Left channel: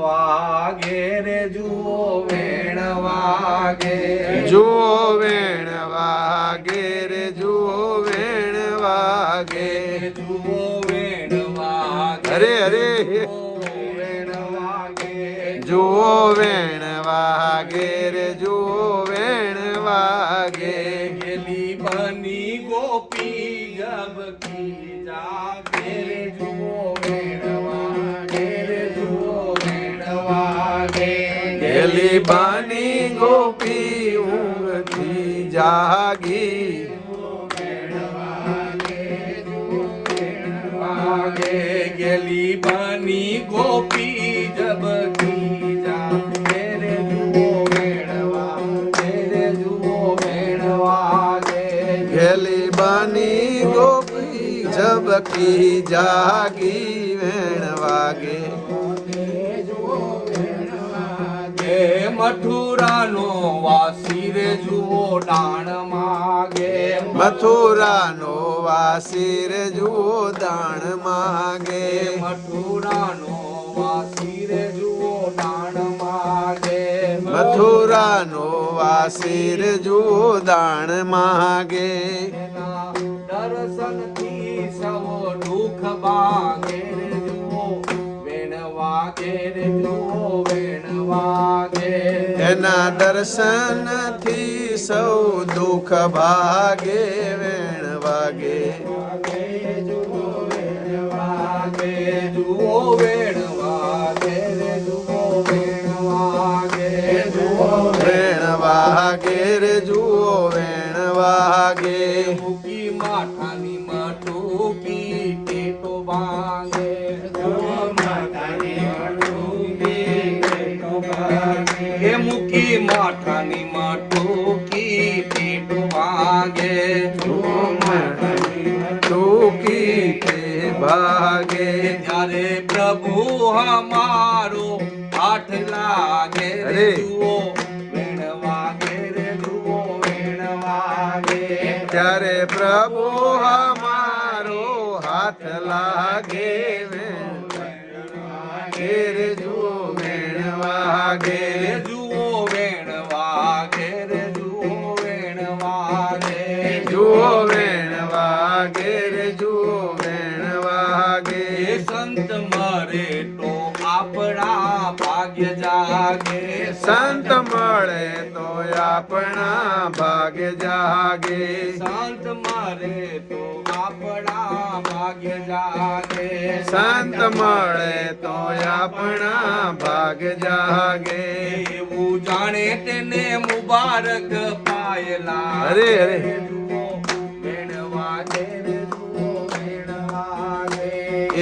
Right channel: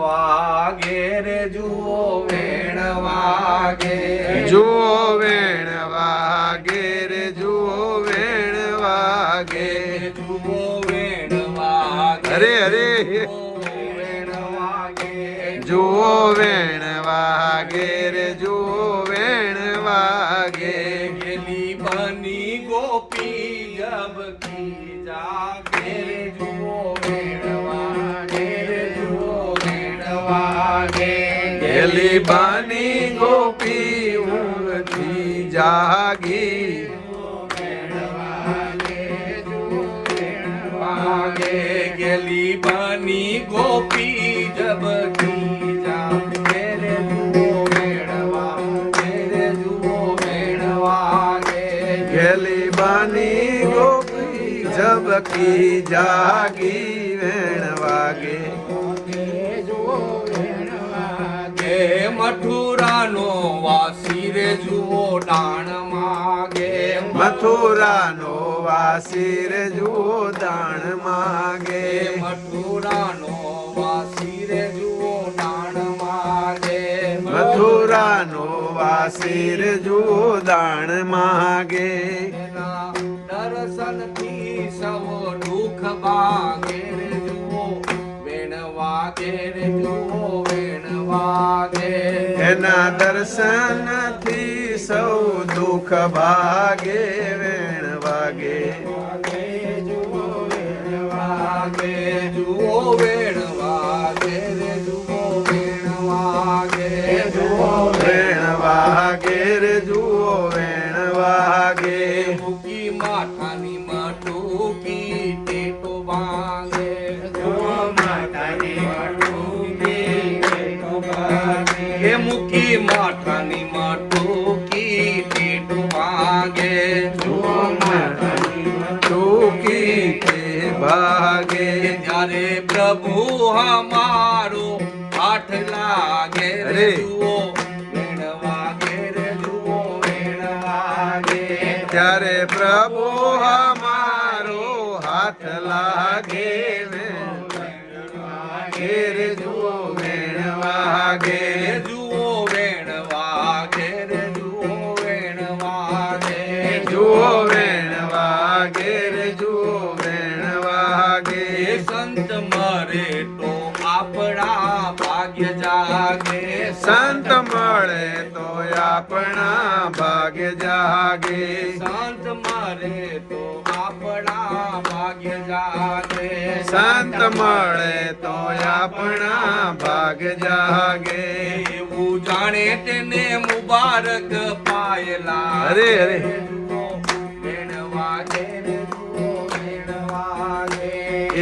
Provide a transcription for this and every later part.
વાગે રે જુઓ વેણ વાગે, જુઓ વેણ વાગે રે જુઓ વેણ વાગે, જુઓ વેણ વાગે, અરે અરે વેણ વાગે, જુઓ વેણ વાગે રે જુઓ વેણ વાગે, ગેલી બની ગોપી જબકી જાગે રે જુઓ વેણ વાગે રે જુઓ વેણ વાગે, ગેલી બાની ગોપી ઊંઘથી જાગી, વાગે ગેલી બની ગોપી જબકી જાગે રે જુઓ વેણ વાગે રે જુઓ વેણ વાગે, ગેલી બાની ગોપી ઝબકી જાગી વેણ વાગે, એ મથુરાનો વાસી રે જુઓ દાણ માગે, મથુરાનો વાસી રે જુઓ દાણ માગે, મથુરાનો વાસી રે જુઓ દાણ માગે, મથુરાનો વાસી રે જુઓ દાણ માગે, દર્શનથી સૌ દુઃખ ભાગે રે જુઓ વેણ વાગે રે જુઓ વેણ વાગે, એના દર્શનથી સૌ દુઃખ ભાગે વેણ વાગે, જુઓ વેણ વાગે જુઓ વેણ વાગે રે જુઓ વેણ વાગે, જુઓ વેણ વાગે રે જુઓ વેણ વાગે, મૂકી માથાની મટુકી ટેટો વાગે, જુઓ માથાની મટુકી ટેટો વાગે, એ મૂકી માથાની મટુકી ટેટો વાગે, જુઓ માથાની ટૂકી તે ભાગે, ત્યારે પ્રભુ હમારો હાથ લાગે રે અરે. જુઓ વેણ વાગે રે જુઓ વેણ વાગે, ત્યારે પ્રભુ હમારો હાથ લાગે વેણ વાગે રે જુઓ વેણ વાગે, જુઓ વેણ વાગે રે જુઓ વેણ વાગે, જુઓ વેણ વાગે રે જુઓ વેણ વાગે, એ સંત મરે તો આપણા ભાગ્ય જાગે, સંત મળે તો આપણા ભાગ્ય જાગે, સંત મરે તો આપણા ભાગ્ય જાગે, સંત મળે તો આપણા ભાગ્ય જાગે, એવું જાણે તેને મુબારક પાયલા, અરે અરે જુઓ વેણ વાગે રે જુઓ વેણ વાગે,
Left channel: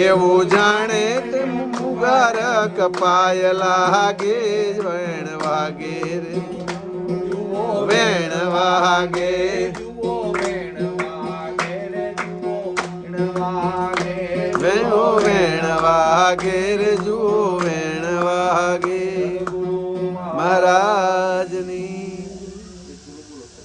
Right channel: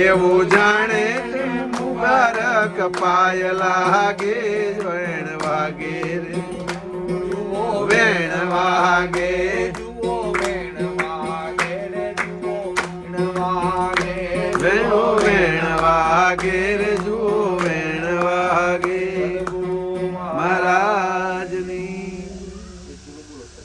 એવું જાણે તે મુબારક પાય લાગે વેણ વાગે રે